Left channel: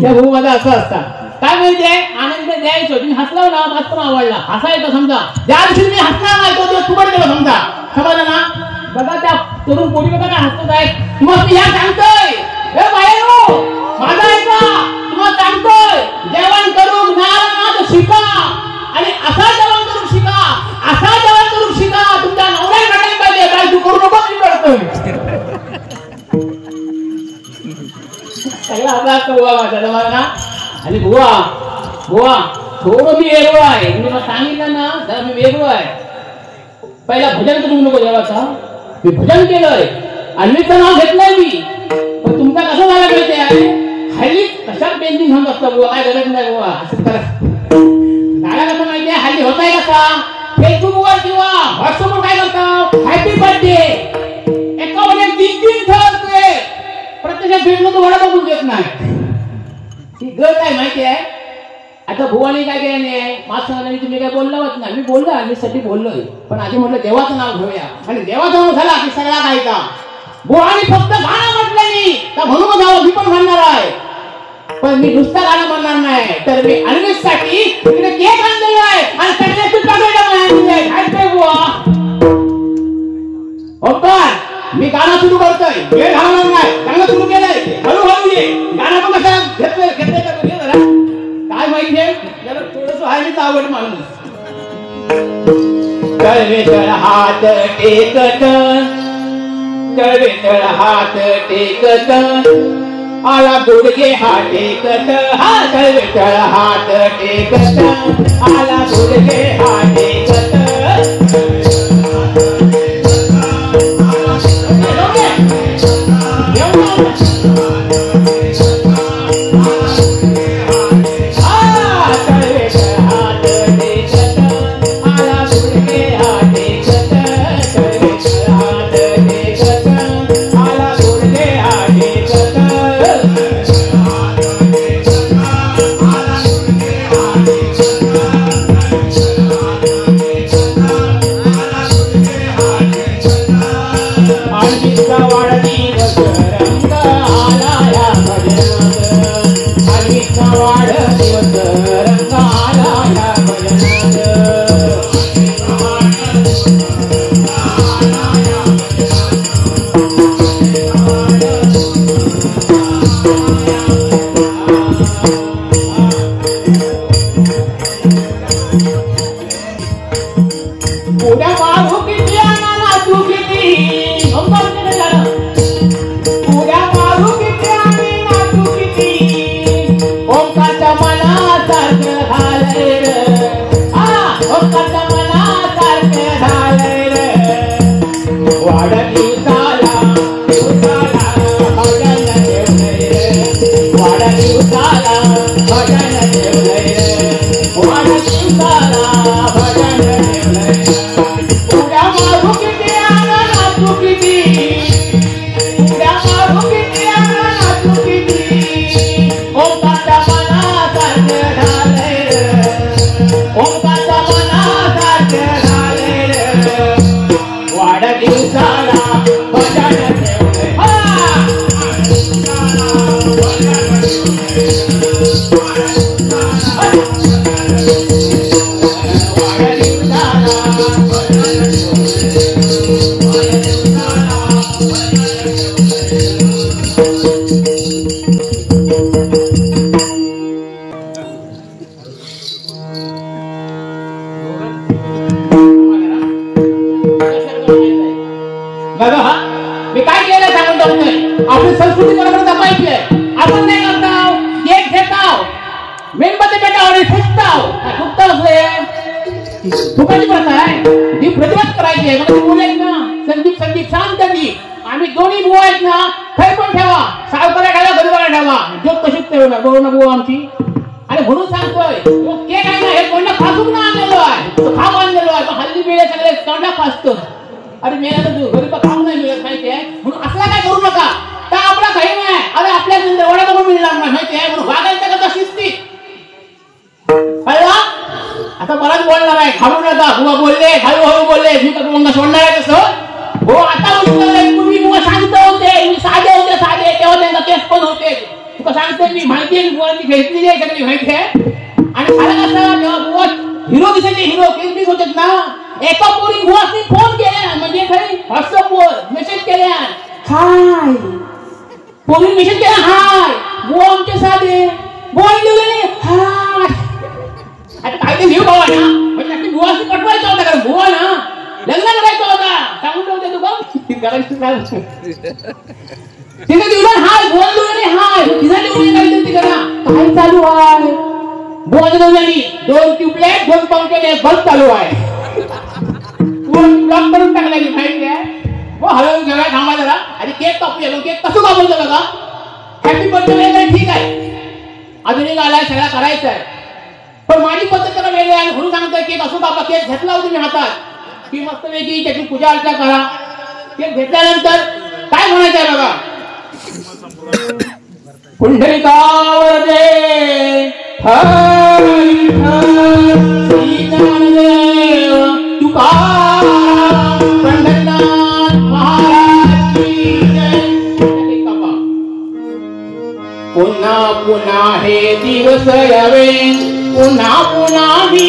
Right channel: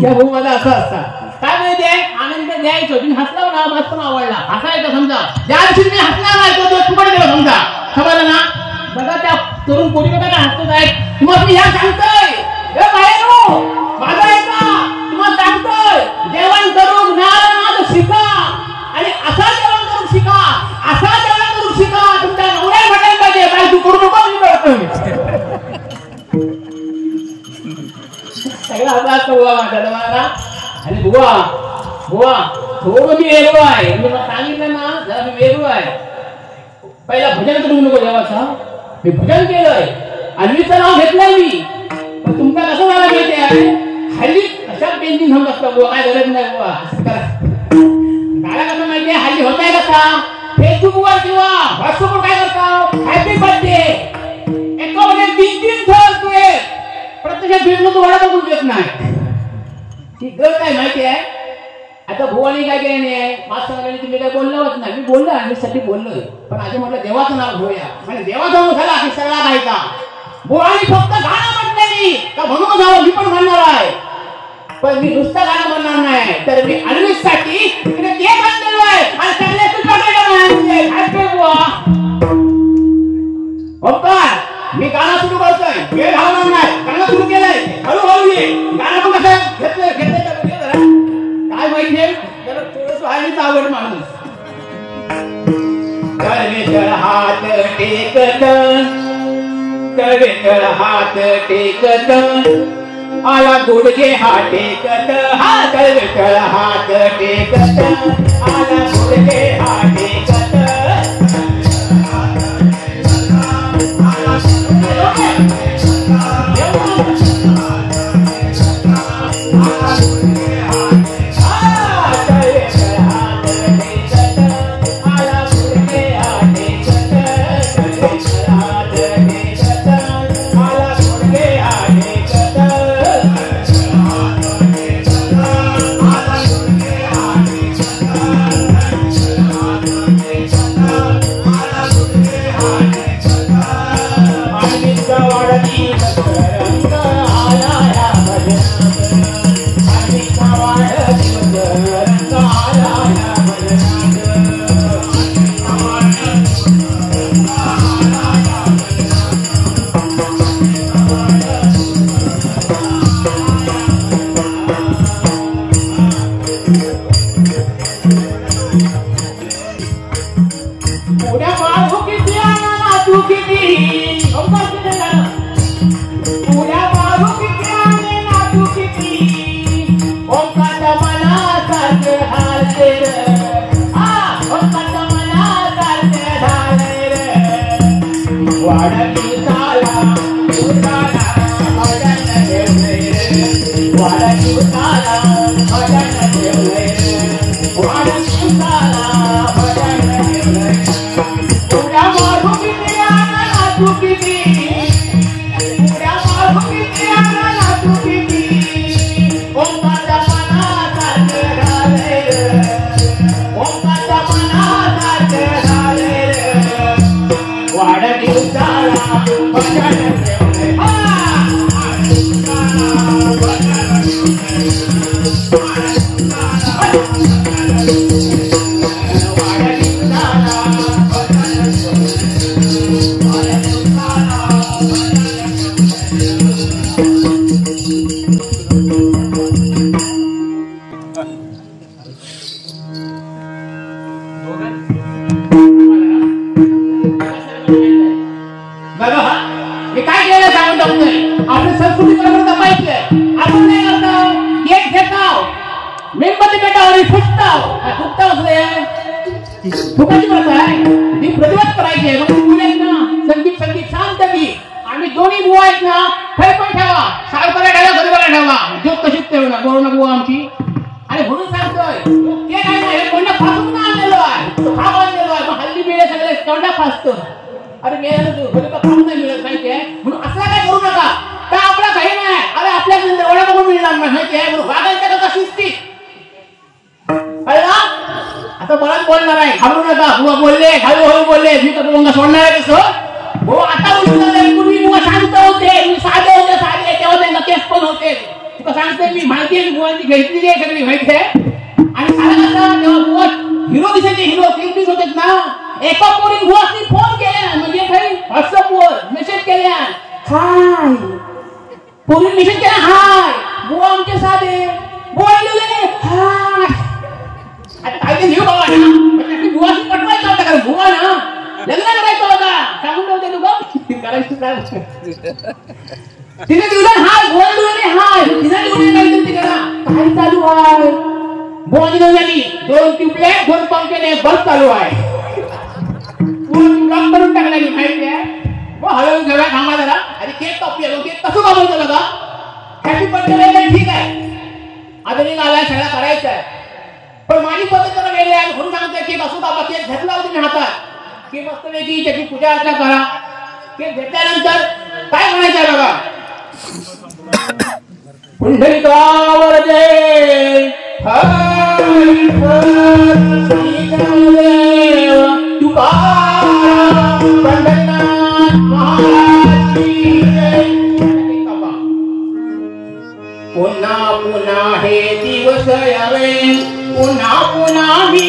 त्या भाऊ माझा असं असतात काय माहितीये आनंद द्यायचो तुम्ही हसला ना मस्त आवडला हसायचं समजा ज्या दिवशी मी हसणार नाही तो तुकडे गेलो समजा खबर ना बघा त्या तरुण पोरी बघा काय हसत आहे मग मी ह्या सांगतोय हे बाहेर माझा ऐका तुम्हाला सांगतोय जेवण करून ज्ञान शिका आणि असा जेवण करून शिका असा जेवण करून शिका तुमच्या नवऱ्याला भेटायला पाहिजे काय तू करू नको मी करतोय सगळा अभ्यास करू माझ्या ना आणि बुवा बुवा थोडं मी वेगळं आहे मी सांगितलं ना जरा मी वेगळं आहे पहिला भजन करू नको देवाचा मी भजन केलंय अन्वीचं नाव घेतलंय मी पण तुमचा कसं मला माहिती आहे हल्ली कशा पेंटिंग होत असतं बुवा काय गरज नाही बुवा असं करा काय कसं माहिती आहे हल्ली होत आहे कसा फेसबुकवर किंवा व्हॉट्सअपवर काय करतो हॅपी बर्थडे एका मध्ये 3-3 ठेवतोय प्रत्यक्षात फिरणं तुम्हाला बघून देत नाही ती गत आहे माहिती आहे आता भुवानी काय केल्याने मास्टरांनी तुम्ही काय बोलला होत नाही मी बोललो अन्वीसाठी बोललोय पण आधी म्हटलं देवाचं नाव घेऊया आणि देवाचं नाव झाला की सगळा गायचा भुवानी फक्त गाणं म्हटलं नाही का म्हणून जावं मी पण म्हणणार आहे पण मी नुसतं गाणं म्हणणार नाही तर मी अन्वीसाठी तिकडे केक आणलेलो आहे आणि सगळे मी गाणं सुरू करतोय वेळ घालवणार नाही गाणं सुरू केलंय हळूहळू ये गाणं पण कसं घेतोय काय माहितीये जरा थोडंसं आहे मी आवड माणूस तळवे तळ हात टेकत तळवे तळ हात टेकत आला गुडघे हा टेकत हा तळवे तळ हात टेकत आला गुडघे हा टेकत माहिती आणि बुवांची घेतली आहे सगळी माहिती आहे. आणि साला कसा हिरो दिसायचे, हिरो किंग होते ना. एका पोरी बुवासनी फोन केला म्हणजे खरी व्हॉट्सअपवर मेसेज केल्या, हाय पोरी मेसेज केला, हाय बुवा आमचे साधे बुवा लिहिले हाय. आता काय ते लिहू बाबा ना म्हणजे आपली बुवाशी पटवायचं होता कारण बुवा ना लग्न करायचं होता सांगून ठेवते तू बघ करायचं काय तिने दिवस हाय बुवा दिवले हाय तिने दिवले काय ते करा काय चालू आहे बुवा दिवलेली 2 ट्यूबलाइट 2 पंखे बल्ब चालू आहे. काम करून टाकला माहिती आहे. वो हळूहळू जेव्हा थांबा जरा आणि केक कापलेलो केक कसं कापायचं बघा. हॅपी बर्थडे ठीक आहे अजूनही आलाय सगळा करायचा आहे पण माझी पद्धत जरा वेगळी आहे म्हणून सांगतोय केक असो कापा. केक घेतला होता मी हातात की मस्त वेगळी त्याची पूजा अर्चा करा. केक घेतल्यानंतर काय म्हणायचं आहे बघा. पुंडलिकावरते पुन्हा पुन्हा हे दिवस यावे पुन्हा पुन्हा ही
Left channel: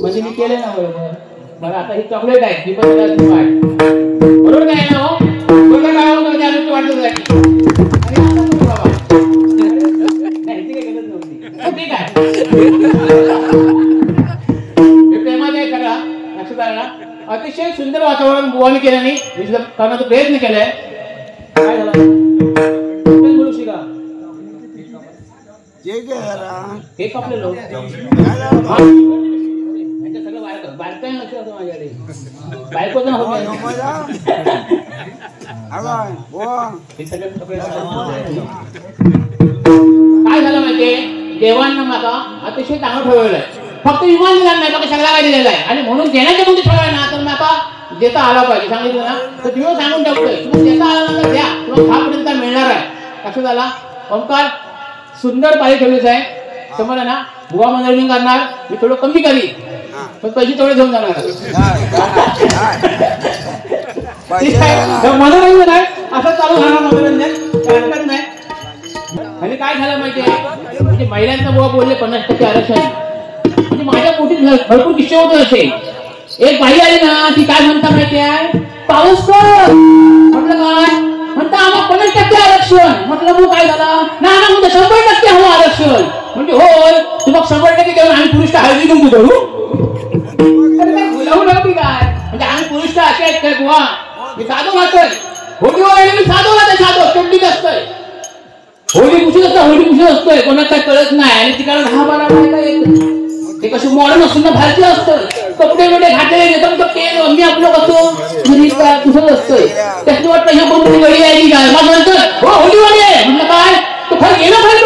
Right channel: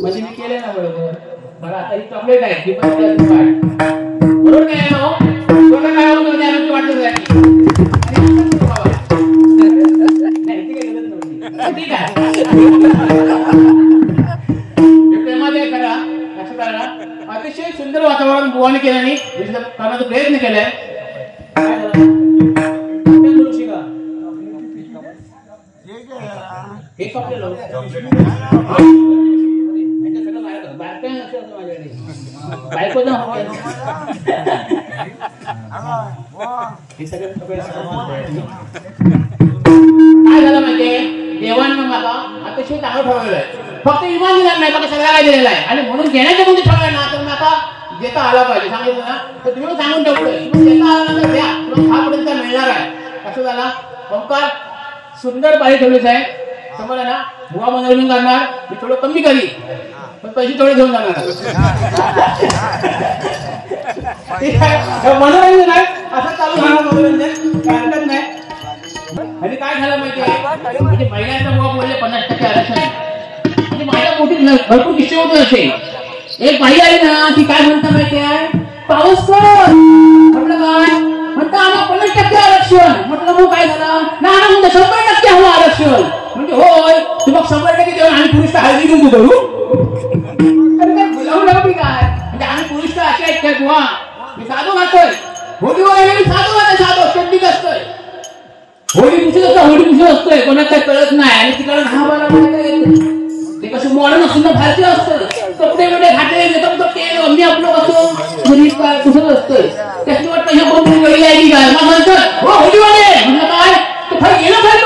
म्हणजे मी केले ना बरोबर. मला आता ही चॉकलेट आहे ही पण बरोबर काय ना हो बरोबर काय होतं त्याला वाटत नाही ठीक आहे प्रेमाने करा लक्षात आलं ना. अतिशय सुंदर वातावरण बुवाने केल्याने करण्याचा प्रयत्न केलाय. काय झालं हे कपलेलो बायको ना काय झालं माहितीये देवांना माका अतिशय चांगलं ठेवलेलं आहे. फक्त विमान दिलं नाही सगळ्या काय दिलेलं आहे आणि म्हणून घेण्याचे कोणते ठेवलंय ना तर माका देता आला पाहिजे सांगितलं ना तर तुम्ही सांगून ठेवतोय देता आला तर घ्या किंवा 6 पर्यंत मिळणार आहे. लक्षात आला. ओंकार सुंदर पाळी ठेवलीच आहे समजा ना बुवा मनोरंजन करणार मी थोडं कमी करी पण पैसे थोडे समजणार मनोरंजन आहे असं चालू झालं मनोरंजन करत नाही. आणि काय झालं माहितीये म्हणजे महिलांचा बुवा बोलले 50% आरक्षण म्हणजे माझ्या पोटीत भरपूर विषय होते असे. एक बाई आली ना ती काय म्हणता माहितीये पाऊस कर म्हटलं काय म्हणता आम्हाला 50% आरक्षण म्हटलं मग काय झालं ना म्हणजे 100% हवं आरक्षण म्हणजे होय तू मग 100% देऊन आम्ही पुरुष हळदी घेऊन देऊ काय म्हणजे आम्ही पुरुष असे आहेत काय बुवा मी साधू घातोय होळी वगैरे साधू घातोय साधू चड्डीच असतोय होळी पुशीत असतं होळी पुशीत असतोय कोणाला काय कळत नाही आणि तिकडे 10-12 ते कसं मॉडर्न सुद्धा भारतीय असतं कपडे वगैरे घाटे एकदम तेल मी आपलं कसं घरी काय पुसत असतोय त्याची वाटतं ह्या कोणती वेळी यायची काय मग म्हणतोय हो होळीवाले म्हणलं काय तो खरं गेला पाहिजे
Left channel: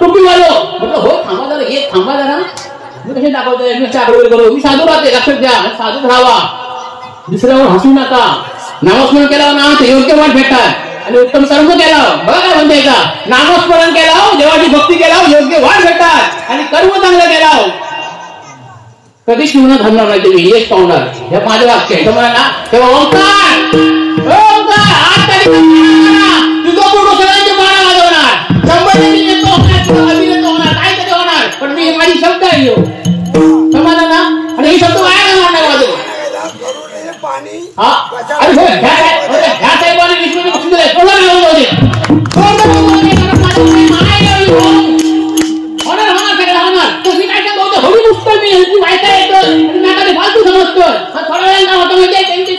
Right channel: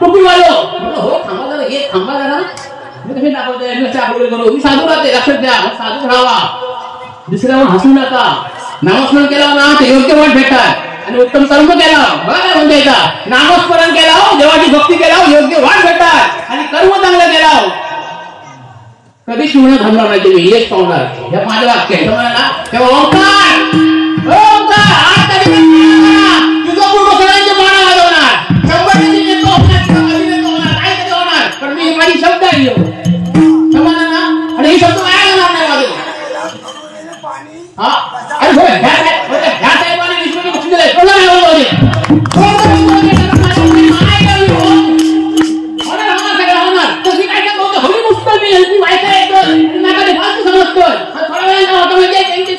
टोपीवालो म्हटलं हो थांबा जरा एक थांबा जरा मी कसे दाखवतोय मी साधू राहते लक्षात द्या साधू राहावा दुसऱ्यावर हसू नका. नामस्मरण केलं ना ते योग्य वाट भेटतात आणि उत्तम कर्म केलं बघा म्हणजे नामस्मरण केलं देवाची भक्ती केलं योग्य वाट भेटतात आणि कर्म चांगलं केलं कधीच म्हणून थांबणार नाही तुम्ही हेच पाहणार हे माझं वाक्य आहे तुम्हाला तेव्हा ओंकार तुझं पूर्ण सगळ्यांचे माना वाजवणार 100% होणार काय कधी होणार पण मी माझी शब्द आहे समजला ना आणि ही शब्द काय घालणार नाही वाजव अरे हो ह्या साहेबांना विश्वास बक्षीस दिले कोणाला नाव जाऊ तुम्ही काय काय बोलतो हळू नुसतं मी माहिती आहे फालतू समजतोय थोड्या वेळ नाव त्यांची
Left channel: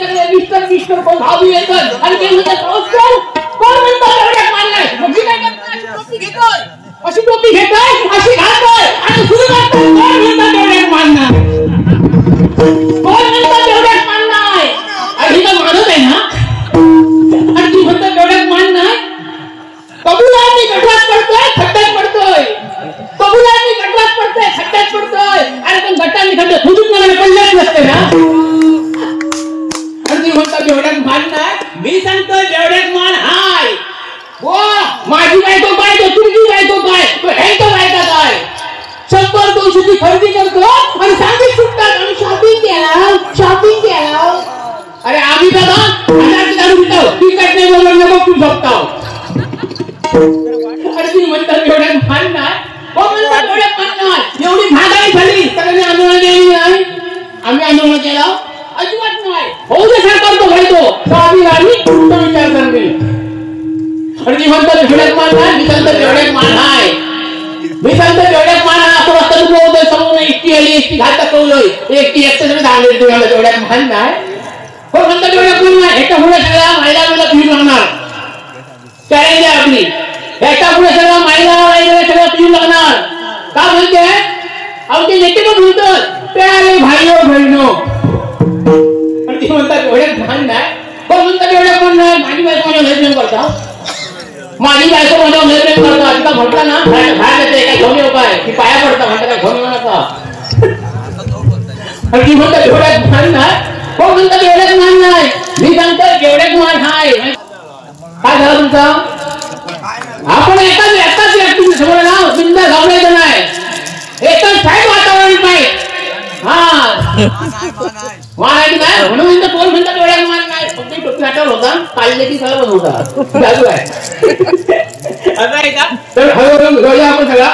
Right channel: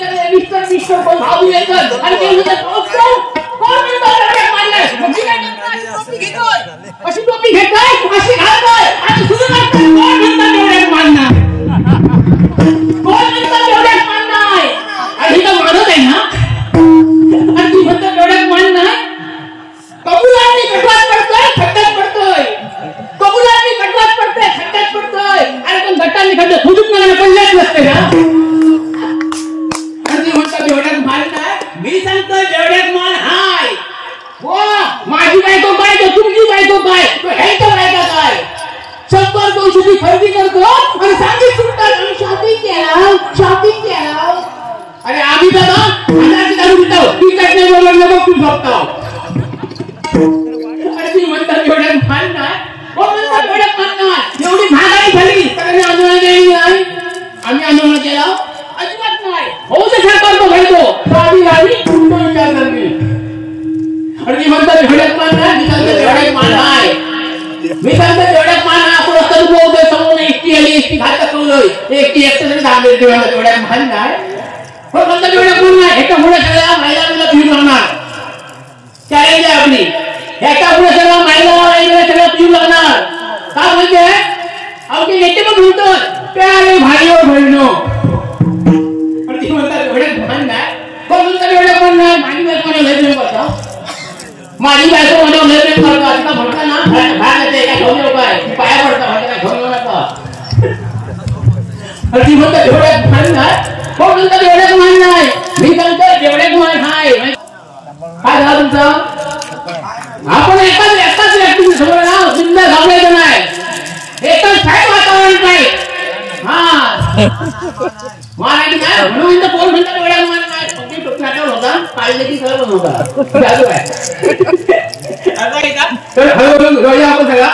माझी बायको काय तो तुमची बायको काय ह्याचं बायका काय 100-200 खरेदी करतो आणि सांगित सुटतात आणि शॉपिंग केला अरे आम्ही दादा हजार काढून देतो ती काय नाही बोलवलं मग तू झोपता अरे तुम्ही म्हणता एवढ्या मान नाही हो म्हणता एवढ्या मान नाही एवढी महागाई झाली तर आम्ही आंदोलन केली नाही आम्ही आंदोलन केलं अजिबात नाही हो जे सरकार तो घडतो तो आम्ही तो विचार करणे आणि ती म्हणतात एवढ्यात मान नाही मी सांगतो एवढ्यात मान आहे मी सांगतो एवढ्यात मान आपण असं बोलतोय समोर एकटी आली एकटी घात कवलोय एकटी एकटं झाले एवढ्यात मान नाही हो म्हणतात एवढ्यात मान नाही एका पुढे सगळ्या महिलांना पिऊ लागणार चॅलेंज आहे आपली एका पुढे सगळ्या महिलांना सगळं पिऊ लागणार का म्हणते आमचे नेते पण बोलतात प्यारे भाईओ बहिणो आणि ती म्हणतात एवढ्यात मान नाही पण म्हणतात एवढ्यात मान नाही माझी बायको लग्न करता माझी बायको लग्न करता आता म्हटलं ना बाहेर येते एका घेऊन येऊ काय की पाया पडतं म्हणतं काय घेऊन येऊ नका आणि ती म्हणतात एवढ्यात मान नाही कोण म्हणतात एवढ्यात मान नाही मी सांगतो एवढ्यात मान आहे काय झालं तुमचं आपण एकाच व्यक्ती समोर ना बिंदा जाऊन नाही एकच फाईट वातावरण पाहिजे हा मान काय म्हणून कोण म्हणतात एवढ्यात मान नाही तुमची टोपी हातावर होता काढले की सगळं होता असं आहे का तर हळूहळू आपण सगळा